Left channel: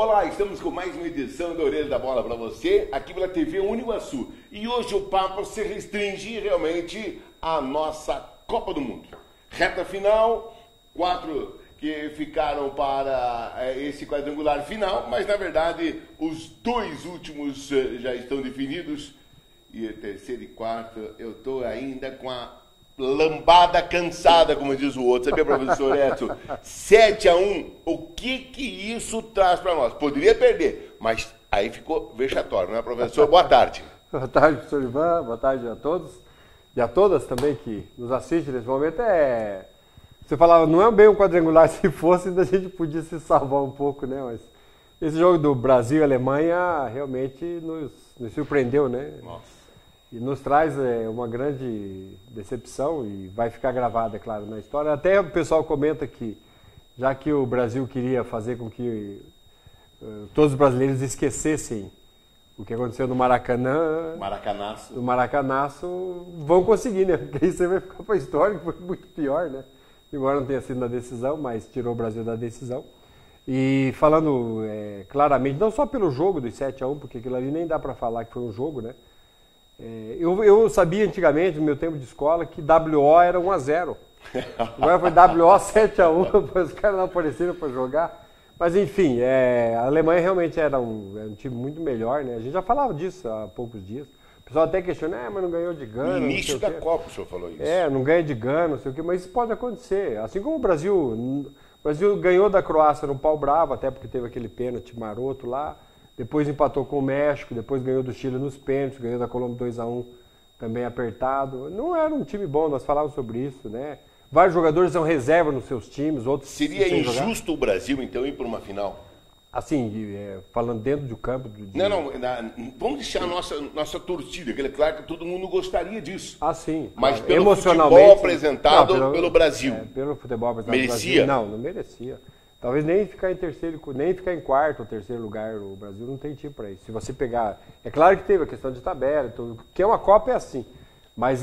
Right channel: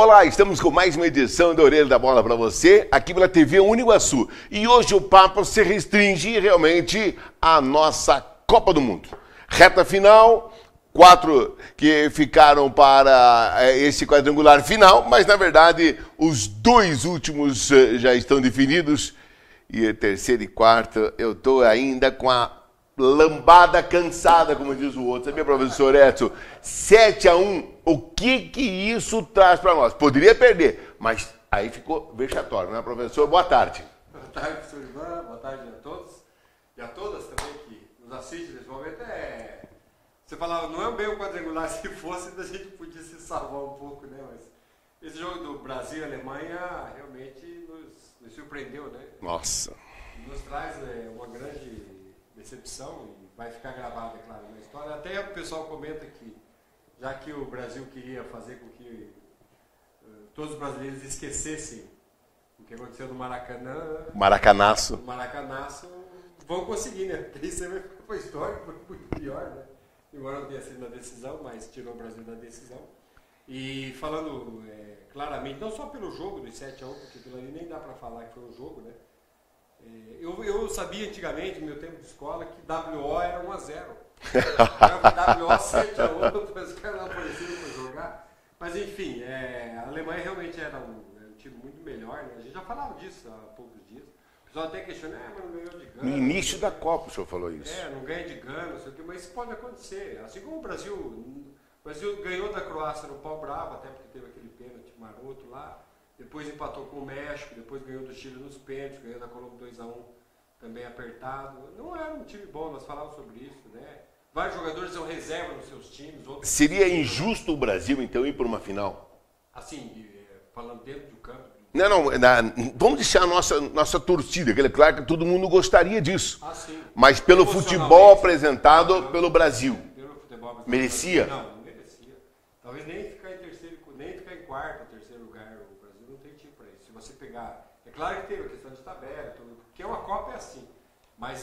Olá, estamos com mais uma edição da Orelha da Bola para você, aqui pela TV Uniguaçu. E hoje o papo se restringe realmente à nossa Copa do Mundo. Reta final, 4 que ficaram para esse quadrangular final, mas na verdade os 2 últimos já estão definidos. E terceiro e quarto, eu estou ainda com a lambada cansada, como diz o outro. Sabia, professor Edson? 7-1, o que isso traz para nós? Poderia perder, mas aí ficou vexatório, né, professor? Boa tarde. Boa tarde, professor Ivan. Boa tarde a todos e a todas também que nos assistem nesse momento. Você falava, não é bem um quadrangular, se fosse, ainda a gente podia se salvar um pouco, né? Mas esse jogo do Brasil e Alemanha realmente nos surpreendeu, né? Nossa. E nos traz uma grande decepção e vai ficar gravada, é claro, na história. Até o pessoal comenta que, já que o Brasil queria fazer com que todos os brasileiros esquecessem o que aconteceu no Maracanã... Maracanaço. No Maracanaço, vão conseguir, né? Porque isso aí vai ficar para a história, foi muito pior, né? Embora não tenha sido na decisão, mas tirou o Brasil da decisão. E falando claramente, não só pelo jogo dos 7-1, porque aquilo ali nem dá para falar que foi um jogo, né? Eu sabia antigamente, no meu tempo de escola, que WO era 1-0. Agora foi WO 7-1, os caras não apareceram para jogar. Mas enfim, a Alemanha realmente era um time muito melhor, né? A gente já falava disso há poucos dias. O pessoal até questiona, mas não ganhou de Gana. No início da Copa o senhor falou isso. Não ganha de Gana, não sei o quê, mas isso pode acontecer. Assim como o Brasil ganhou da Croácia no pau bravo, até porque teve aquele pênalti maroto lá. Depois empatou com o México, depois ganhou do Chile nos pênaltis, ganhou da Colômbia 2-1 também apertado. Não era um time bom, nós falávamos sobre isso, né? Vários jogadores são reserva nos seus times, outros... Seria injusto o Brasil, então, ir para uma final? Assim, falando dentro do campo... Vamos deixar a nossa torcida, que é claro que todo mundo gostaria disso. Ah, sim. Mas pelo futebol apresentado pelo Brasil. Pelo futebol apresentado merecia? Brasil, não merecia. Talvez nem ficar em terceiro, nem ficar em quarto ou terceiro lugar, o Brasil não tem time para isso. Se você pegar... É claro que teve a questão de tabela, porque uma Copa é assim. Mas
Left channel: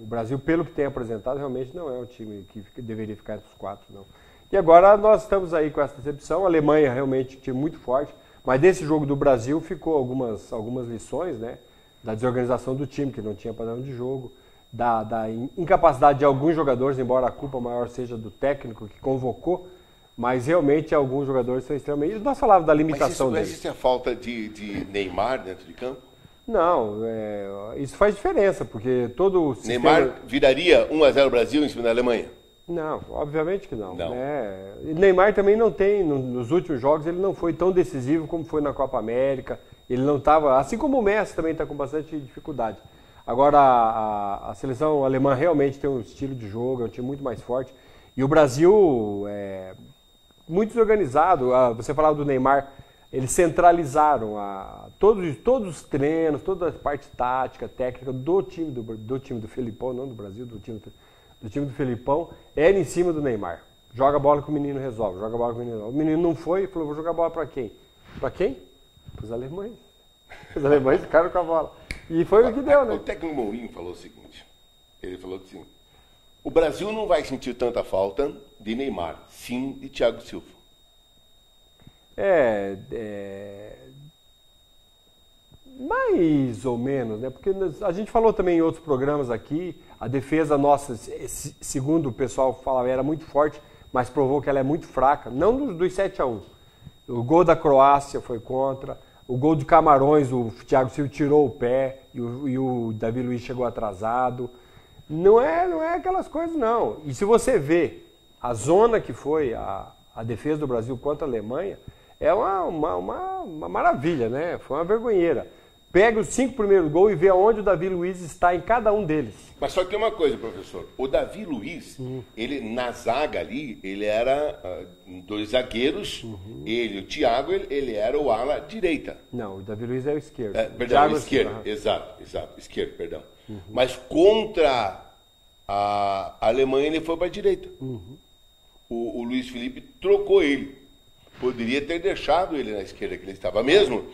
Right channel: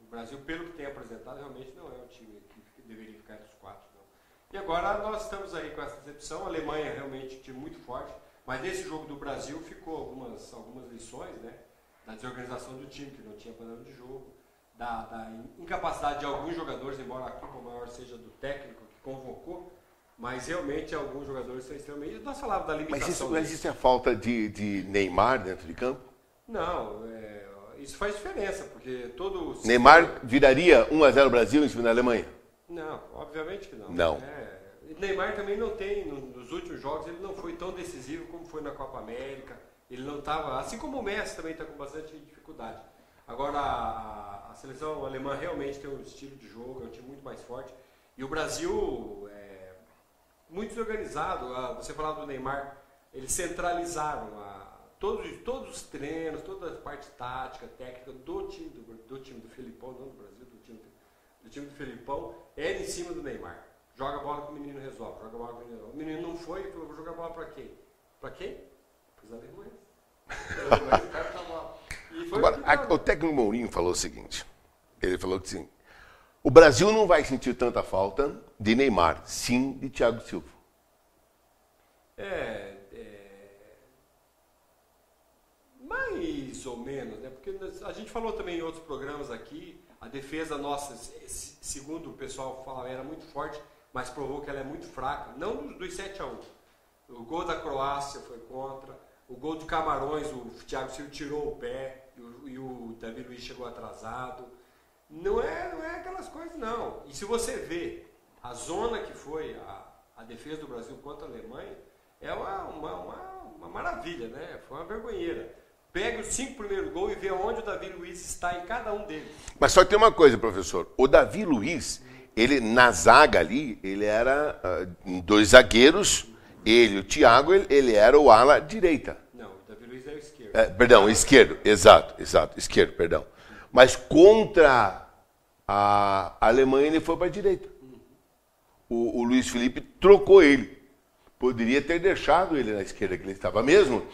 o Brasil, pelo que tem apresentado, realmente não é um time que deveria ficar entre os 4, não. E agora nós estamos aí com essa decepção. A Alemanha realmente é um time muito forte, mas desse jogo do Brasil ficou algumas lições, né? Da desorganização do time, que não tinha padrão de jogo, da incapacidade de alguns jogadores, embora a culpa maior seja do técnico que convocou, mas realmente alguns jogadores são extremamente... Nós falávamos da limitação deles. Mas existe a falta de Neymar dentro de campo? Não, isso faz diferença, porque todo o sistema... Neymar viraria 1-0 Brasil em cima da Alemanha? Não, obviamente que não. Não. Neymar também não tem, nos últimos jogos, ele não foi tão decisivo como foi na Copa América. Ele não estava, assim como o Messi também está com bastante dificuldade. Agora, a seleção alemã realmente tem um estilo de jogo, é um time muito mais forte. E o Brasil é muito desorganizado. Você falava do Neymar, eles centralizaram todos os treinos, toda a parte tática, técnica do time do Felipão, não do Brasil, do time do Felipão, era em cima do Neymar. Joga a bola que o menino resolve, joga a bola que o menino resolve. O menino não foi e falou, vou jogar a bola para quem? Para quem? Para os alemães. Os alemães ficaram com a bola. E foi o que deu, né? O técnico Mourinho falou o seguinte, ele falou que sim, o Brasil não vai sentir tanta falta de Neymar, sim de Thiago Silva. Mais ou menos, né? Porque a gente falou também em outros programas aqui, a defesa nossa, segundo o pessoal falava, era muito forte, mas provou que ela é muito fraca, não dos 7-1. O gol da Croácia foi contra, o gol de Camarões, o Thiago Silva tirou o pé e o Davi Luiz chegou atrasado. Não é aquelas coisas, não. E se você vê a zona que foi a defesa do Brasil contra a Alemanha, é uma maravilha, né? Foi uma vergonheira. Pega os 5 primeiros gols e vê aonde o Davi Luiz está em cada um deles. Mas só que tem uma coisa, professor. O Davi Luiz, ele na zaga ali, ele era 2 zagueiros. Ele, o Thiago, ele era o ala direita. Não, o Davi Luiz é o esquerdo. Perdão, esquerdo. Exato. Esquerdo, perdão. Mas contra a Alemanha ele foi para a direita. O Luiz Felipe trocou ele. Poderia ter deixado ele na esquerda, que ele estava mesmo,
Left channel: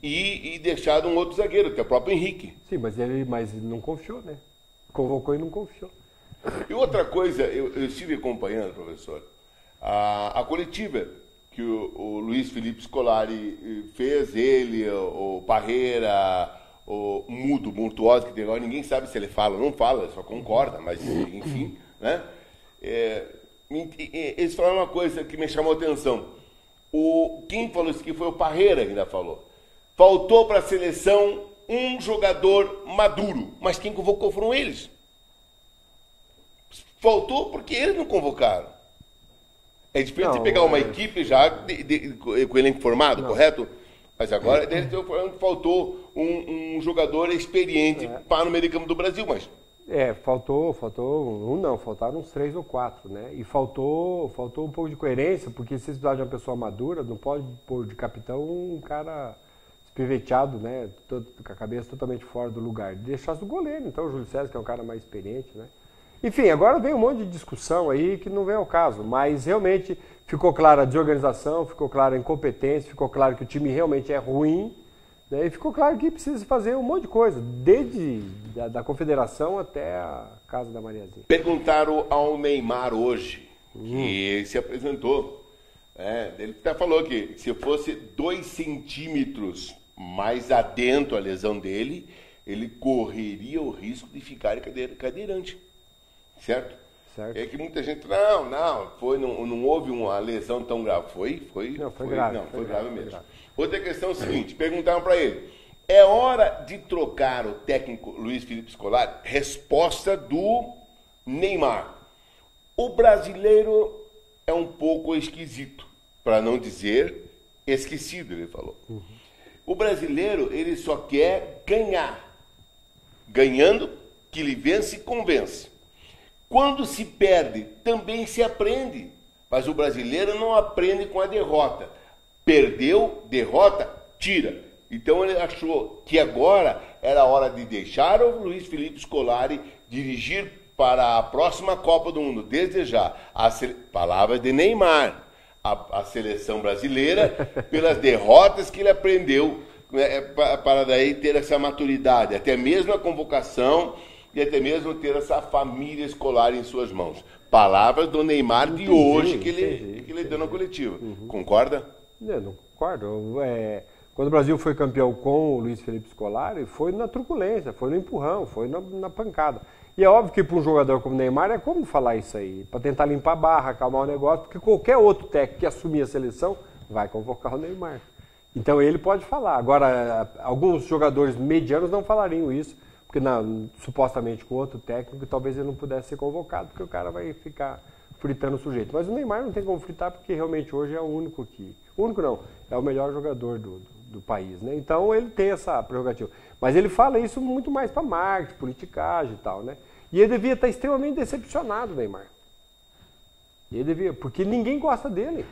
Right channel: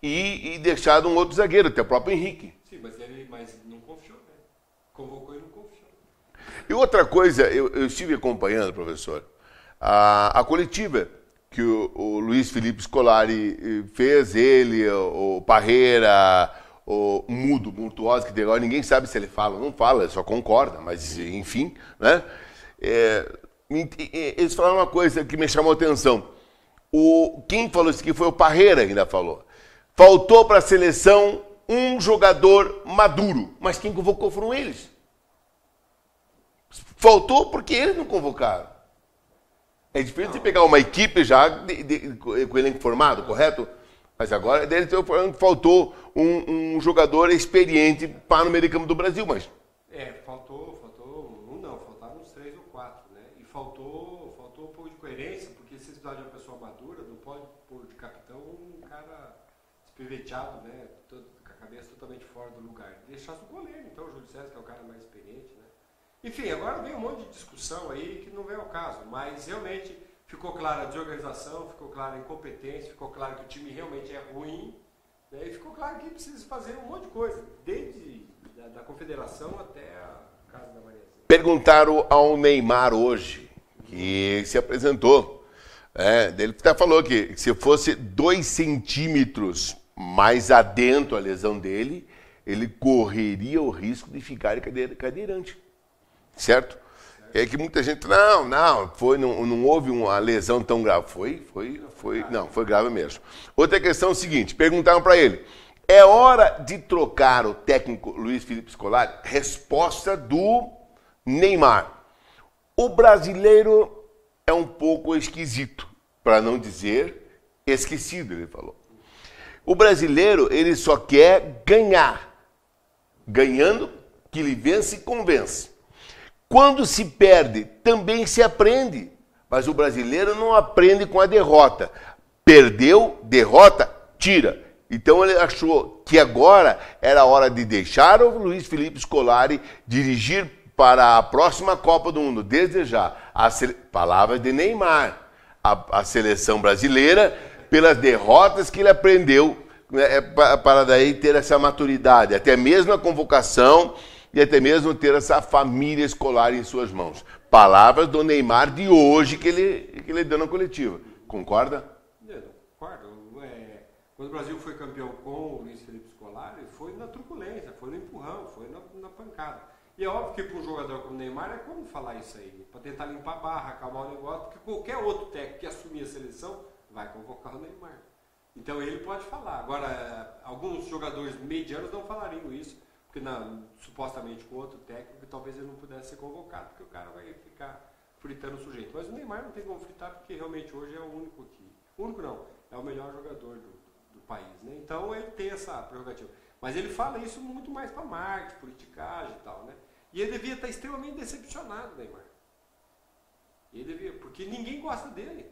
e deixado um outro zagueiro, até o próprio Henrique. Sim, mas ele não confiou, né? Convocou e não confiou. E outra coisa, eu estive acompanhando, professor, a coletiva que o Luiz Felipe Scolari fez, ele, o Parreira, o Mudo, Montuoso, que agora ninguém sabe se ele fala ou não fala, só concorda, mas enfim, né? Eles falaram uma coisa que me chamou a atenção. Quem falou isso aqui foi o Parreira, ainda falou. Faltou para a seleção um jogador maduro, mas quem convocou foram eles. Faltou porque eles não convocaram. É diferente de pegar uma equipe já com elenco formado, correto? Mas agora faltou um jogador experiente para o meio de campo do Brasil, mas... faltaram uns 3 ou 4, né? E faltou um pouco de coerência, porque se precisar de uma pessoa madura, não pode pôr de capitão um cara espiveteado, né? Com a cabeça totalmente fora do lugar. Deixasse o goleiro, então, o Júlio César, que é um cara mais experiente, né? Enfim, agora vem um monte de discussão aí que não vem ao caso, mas realmente ficou clara a desorganização, ficou clara a incompetência, ficou claro que o time realmente é ruim, né? E ficou claro que precisa fazer um monte de coisa, desde da confederação até a casa da Mariazinha. Perguntaram ao Neymar hoje, que ele se apresentou, ele até falou que se fosse 2 centímetros mais adentro a lesão dele, ele correria o risco de ficar cadeirante. Certo? É que muita gente, não houve uma lesão tão grave. Foi grave mesmo. Outra questão é o seguinte, perguntaram para ele, é hora de trocar o técnico Luiz Felipe Scolari? Resposta do Neymar. O brasileiro é um pouco esquisito, para não dizer esquecido, ele falou. O brasileiro, ele só quer ganhar. Ganhando, que ele vence e convence. Quando se perde, também se aprende. Mas o brasileiro não aprende com a derrota. Perdeu, derrota, tira. Então ele achou que agora era a hora de deixar o Luiz Felipe Scolari dirigir para a próxima Copa do Mundo, desde já. Palavras de Neymar. A seleção brasileira, pelas derrotas que ele aprendeu, para daí ter essa maturidade. Até mesmo a convocação... e até mesmo ter essa família escolar em suas mãos. Palavras do Neymar de hoje que ele deu na coletiva. Concorda? Não concordo. Quando o Brasil foi campeão com o Luiz Felipe Scolari, foi na truculência, foi no empurrão, foi na pancada. E é óbvio que para um jogador como o Neymar é como falar isso aí, para tentar limpar a barra, acalmar o negócio, porque qualquer outro técnico que assumir a seleção vai convocar o Neymar. Então ele pode falar. Agora, alguns jogadores medianos não falariam isso, porque supostamente com outro técnico, talvez ele não pudesse ser convocado, porque o cara vai ficar fritando o sujeito. Mas o Neymar não tem como fritar, porque realmente hoje é o único é o melhor jogador do país, né? Então ele tem essa prerrogativa. Mas ele fala isso muito mais para marketing, politicagem e tal, né? E ele devia estar extremamente decepcionado, Neymar. Porque ninguém gosta dele.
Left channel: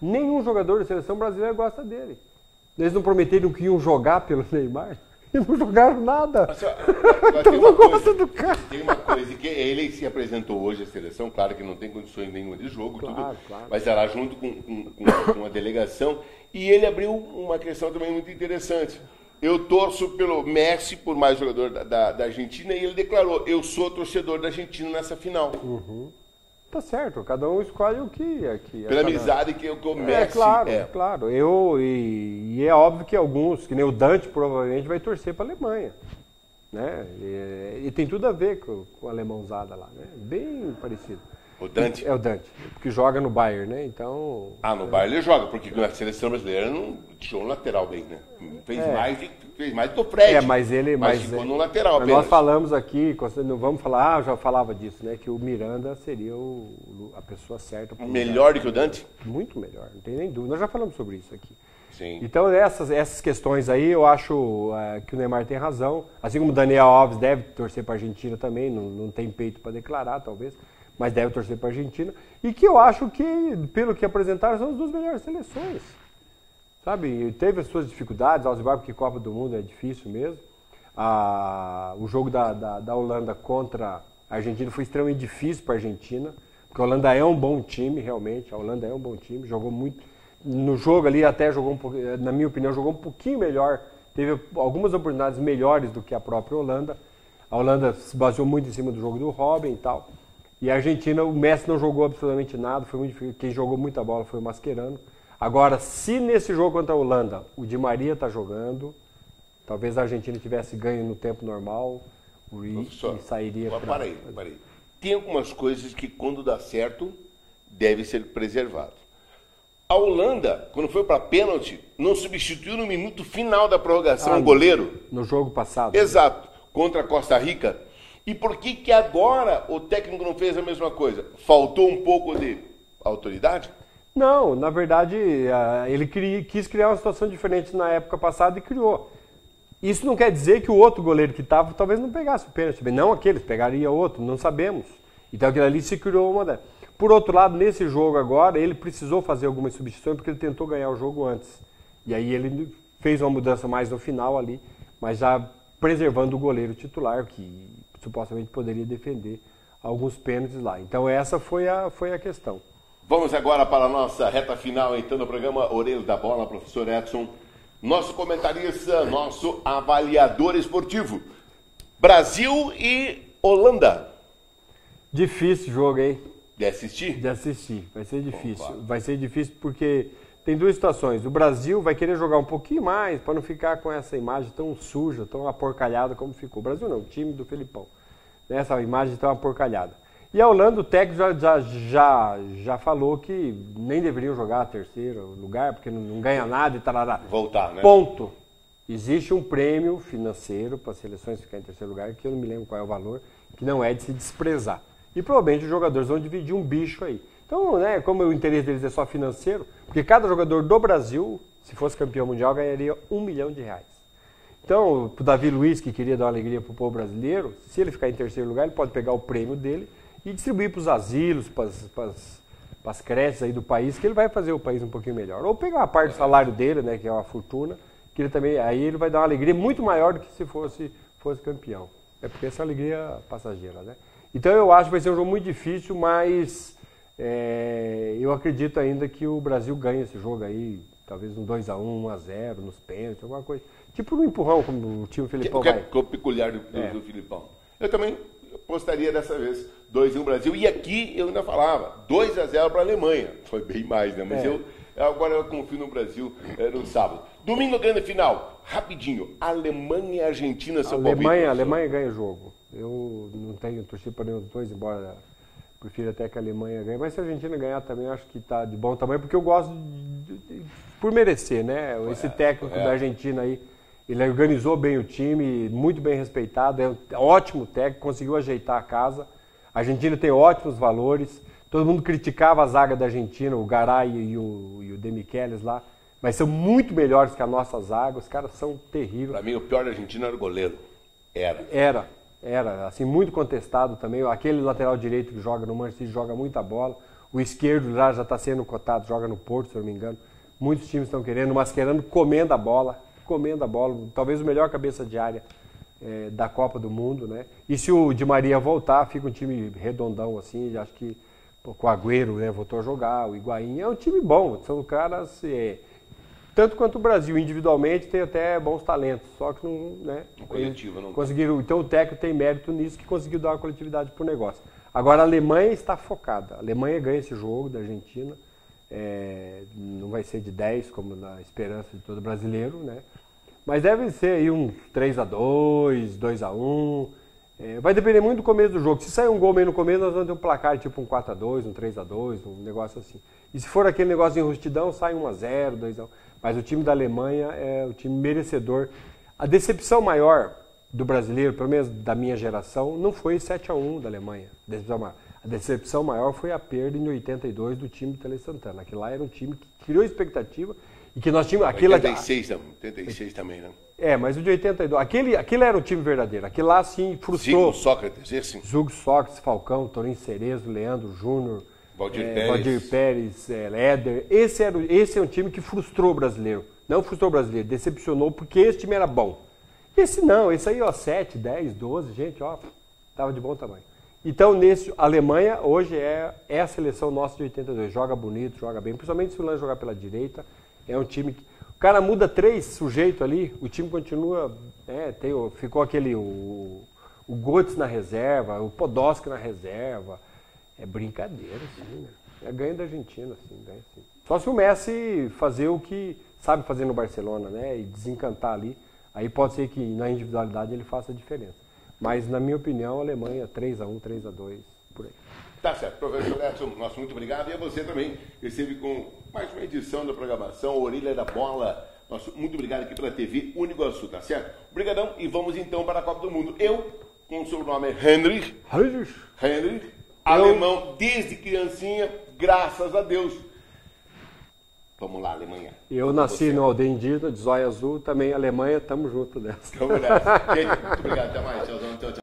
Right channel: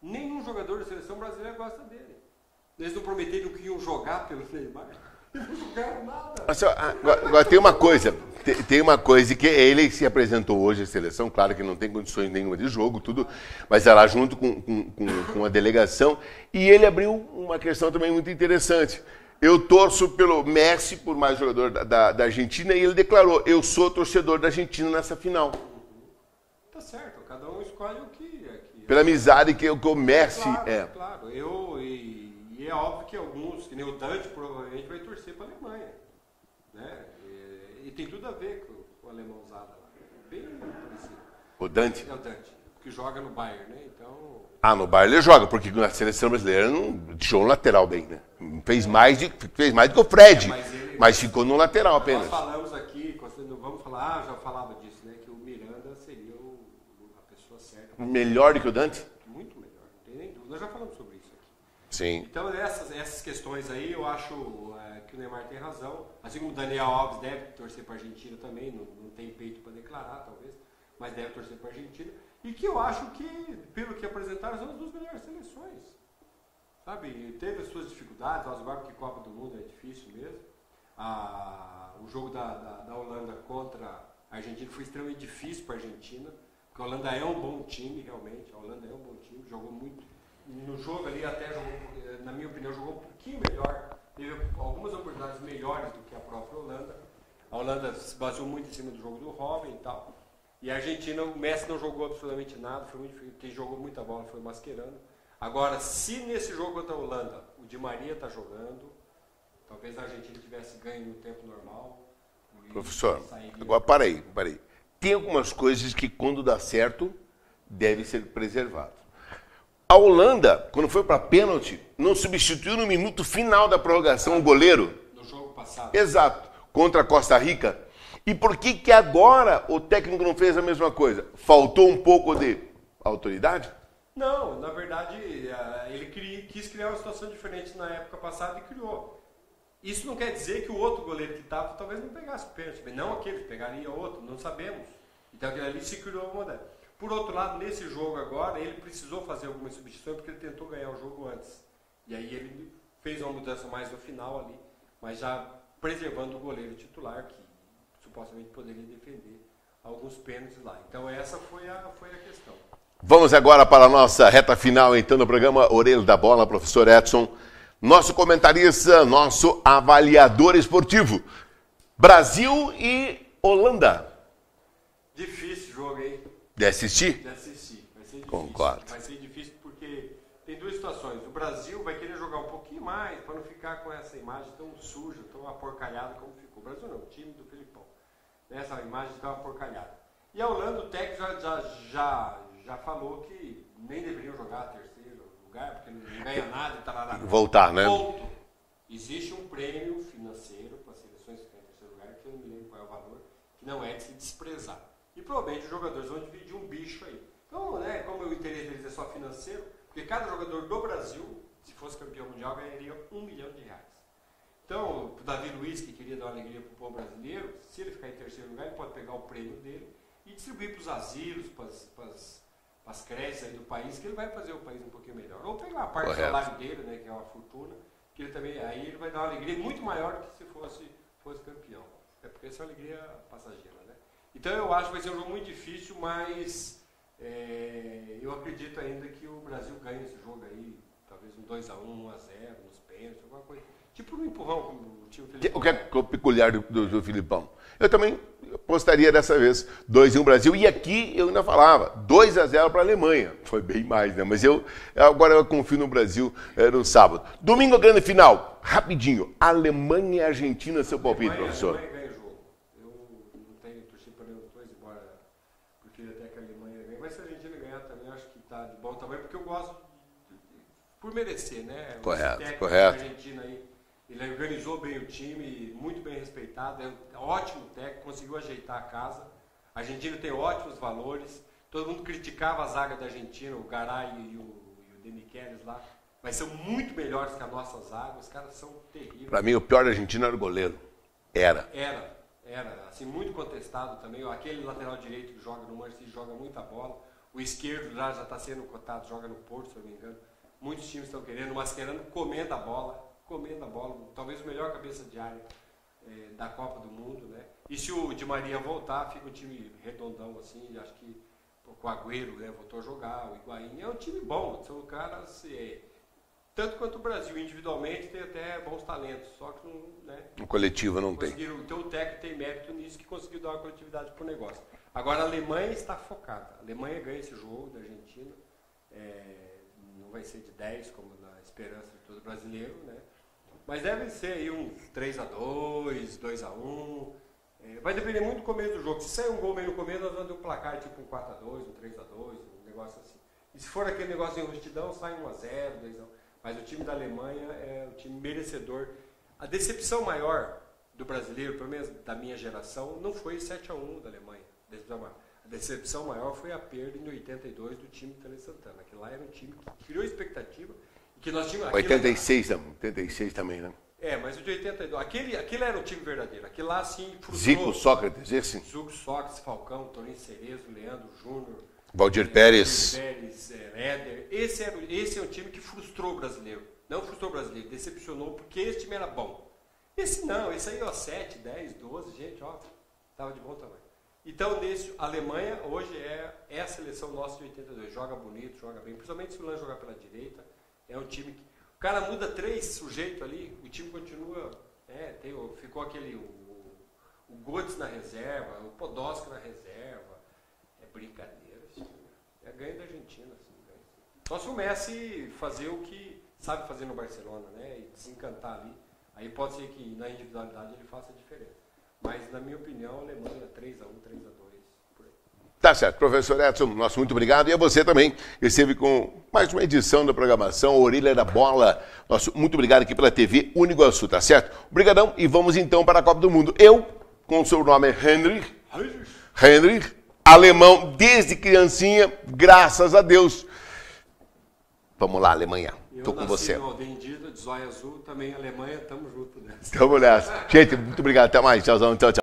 Nenhum jogador da seleção brasileira gosta dele. Eles não prometeram que iam jogar pelo Neymar? Não jogaram nada. Agora tem uma coisa que ele se apresentou hoje à seleção, claro que não tem condições nenhuma de jogo, claro. Mas era junto com a delegação, e ele abriu uma questão também muito interessante. Eu torço pelo Messi, por mais jogador da Argentina, e ele declarou, eu sou torcedor da Argentina nessa final. Tá certo, cada um escolhe o que pela amizade que o Messi Claro. E é óbvio que alguns, que nem o Dante, provavelmente vai torcer para a Alemanha, né? E tem tudo a ver com a alemãozada lá, né? Bem parecido. O Dante? É o Dante, que joga no Bayern, né? Então... no Bayern ele joga, porque a seleção brasileira não deixou um lateral bem, né? Fez mais do que o Fred, mas ficou no lateral apenas. Nós falamos aqui, não vamos falar, já falava disso, né? Que o Miranda seria a pessoa certa. Melhor do que o Dante? Muito melhor, não tem nem dúvida. Nós já falamos sobre isso aqui. Sim. Então essas questões aí, eu acho que o Neymar tem razão. Assim como o Daniel Alves deve torcer para a Argentina também, não tem peito para declarar, talvez. Mas deve torcer para a Argentina, e que eu acho que, pelo que apresentaram, são as 2 melhores seleções. Sabe, teve as suas dificuldades, Alcibar, porque Copa do Mundo é difícil mesmo. O jogo da Holanda contra a Argentina foi extremamente difícil para a Argentina, porque a Holanda é um bom time, realmente, a Holanda é um bom time, jogou muito. No jogo ali até jogou na minha opinião, jogou um pouquinho melhor, teve algumas oportunidades melhores do que a própria Holanda. A Holanda se baseou muito em cima do jogo do Robin e tal. E a Argentina, o Messi não jogou absolutamente nada, foi muito difícil. Quem jogou muita bola foi o Mascherano. Agora, se nesse jogo contra a Holanda o Di Maria está jogando, talvez a Argentina tivesse ganho no tempo normal, o Reece sairia... Parei. Tem algumas coisas que quando dá certo, deve ser preservado. A Holanda, quando foi para pênalti, não substituiu no minuto final da prorrogação o goleiro. No jogo passado. Exato, contra a Costa Rica. E por que agora o técnico não fez a mesma coisa? Faltou um pouco de autoridade? Não, na verdade, ele quis criar uma situação diferente na época passada e criou. Isso não quer dizer que o outro goleiro que estava talvez não pegasse o pênalti. Não aquele, pegaria outro, não sabemos. Então aquilo ali se criou uma... Por outro lado, nesse jogo agora, ele precisou fazer algumas substituições porque ele tentou ganhar o jogo antes. E aí ele fez uma mudança mais no final ali, mas já preservando o goleiro titular, que supostamente poderia defender alguns pênaltis lá. Então essa foi a questão. Vamos agora para a nossa reta final, então, do programa Orelha da Bola, professor Edson. Nosso comentarista, nosso avaliador esportivo. Brasil e Holanda. Difícil jogo, hein? De assistir? De assistir. Vai ser difícil. Concordo. Vai ser difícil porque tem duas situações. O Brasil vai querer jogar um pouquinho mais para não ficar com essa imagem tão suja, tão aporcalhada como ficou. O Brasil não, o time do Felipão. Essa imagem tão aporcalhada. E a Holanda, o técnico já falou que nem deveriam jogar a terceiro lugar, porque não ganha nada e tal. Voltar, né? Ponto. Existe um prêmio financeiro para as seleções ficarem em terceiro lugar, que eu não me lembro qual é o valor, que não é de se desprezar. E provavelmente os jogadores vão dividir um bicho aí. Então, né, como o interesse deles é só financeiro, porque cada jogador do Brasil, se fosse campeão mundial, ganharia R$1 milhão. Então, o Davi Luiz, que queria dar uma alegria para o povo brasileiro, se ele ficar em terceiro lugar, ele pode pegar o prêmio dele e distribuir para os asilos, para as creches aí do país, que ele vai fazer o país um pouquinho melhor. Ou pegar a parte do salário dele, né, que é uma fortuna, que ele também, aí ele vai dar uma alegria muito maior do que se fosse campeão. É porque essa alegria passageira, né? Então eu acho que vai ser um jogo muito difícil, mas eu acredito ainda que o Brasil ganha esse jogo aí, talvez um 2-1, 1-0, nos pênaltis, alguma coisa. Tipo no empurrão, como o time Filipão que é peculiar do Filipão. Eu também apostaria dessa vez 2-1 Brasil. E aqui eu ainda falava 2-0 para a Alemanha. Foi bem mais, né? Mas agora eu confio no Brasil no sábado. Domingo, grande final. Rapidinho. Alemanha e Argentina, seu palpite, A Alemanha ganha o jogo. Eu não tenho torcido para nenhum dos dois, embora prefiro até que a Alemanha ganhe. Mas se a Argentina ganhar também, eu acho que está de bom tamanho, porque eu gosto por merecer, né? Esse técnico da Argentina aí, ele organizou bem o time, muito bem respeitado, é um ótimo técnico, conseguiu ajeitar a casa. A Argentina tem ótimos valores. Todo mundo criticava a zaga da Argentina, o Garay e o De Michelis lá, mas são muito melhores que a nossa zaga. Os caras são terríveis. Para mim, o pior da Argentina era o goleiro. Era, assim, muito contestado também. Aquele lateral direito que joga no Manchester City joga muita bola. O esquerdo lá já está sendo cotado, joga no Porto, se eu não me engano. Muitos times estão querendo. O Mascherano comendo a bola. Talvez o melhor cabeça de área da Copa do Mundo, né? E se o Di Maria voltar, fica um time redondão assim. Acho que com o Agüero, né, voltou a jogar, o Higuaín. É um time bom, são caras... tanto quanto o Brasil, individualmente, tem até bons talentos, só que não... Né, o coletivo não conseguiram. Então o técnico tem mérito nisso, que conseguiu dar uma coletividade pro negócio. Agora a Alemanha está focada. A Alemanha ganha esse jogo da Argentina. Não vai ser de 10, como na esperança de todo brasileiro, né? Mas deve ser aí uns 3-2, 2-1. Vai depender muito do começo do jogo. Se sair um gol meio no começo, nós vamos ter um placar tipo um 4-2, um 3-2, um negócio assim. E se for aquele negócio de enrustidão, sai 1-0, 2-1. Mas o time da Alemanha é o time merecedor. A decepção maior do brasileiro, pelo menos da minha geração, não foi 7-1 da Alemanha. A decepção maior foi a perda em 82 do time de Tele Santana. Aquele lá era um time que criou expectativa e que nós tínhamos... 86 também, né? Mas o de 82... Aquele era o time verdadeiro. Aquele lá, sim, frustrou. Zico, Sócrates, esse? Zico, Sócrates, Falcão, Torinho Cerezo, Leandro Júnior... Valdir Pérez, Éder. Esse é um time que frustrou o brasileiro. Não frustrou o brasileiro, decepcionou, porque esse time era bom. Esse não, esse aí, 7, 10, 12, gente, tava de bom tamanho. Então, a Alemanha hoje é a seleção nossa de 82. Joga bonito, joga bem, principalmente se o Lan jogar pela direita. É um time que... O cara muda 3 sujeitos ali, o time continua... ficou aquele... O Götze na reserva, o Podolski na reserva... É brincadeira, sim, né? É ganho da Argentina, sim, ganho, sim. Só se o Messi fazer o que sabe fazer no Barcelona, né? E desencantar ali. Aí pode ser que na individualidade ele faça a diferença. Mas, na minha opinião, a Alemanha 3-1, 3-2, por aí. Tá certo. Professor Edson, nosso muito obrigado. E a você também, que esteve com mais uma edição da programação Orelha da Bola. Nosso muito obrigado aqui pela TV Uniguaçu, tá certo? Obrigadão e vamos então para a Copa do Mundo. Eu, com o seu nome Henry, alemão desde criancinha, graças a Deus. Vamos lá, Alemanha. Eu nasci no aldeia indígena de Zóia Azul, também Alemanha, tamo junto nessa. Tamo nessa. Gente, muito obrigado. Até mais. Tchauzão. Tchau, tchau.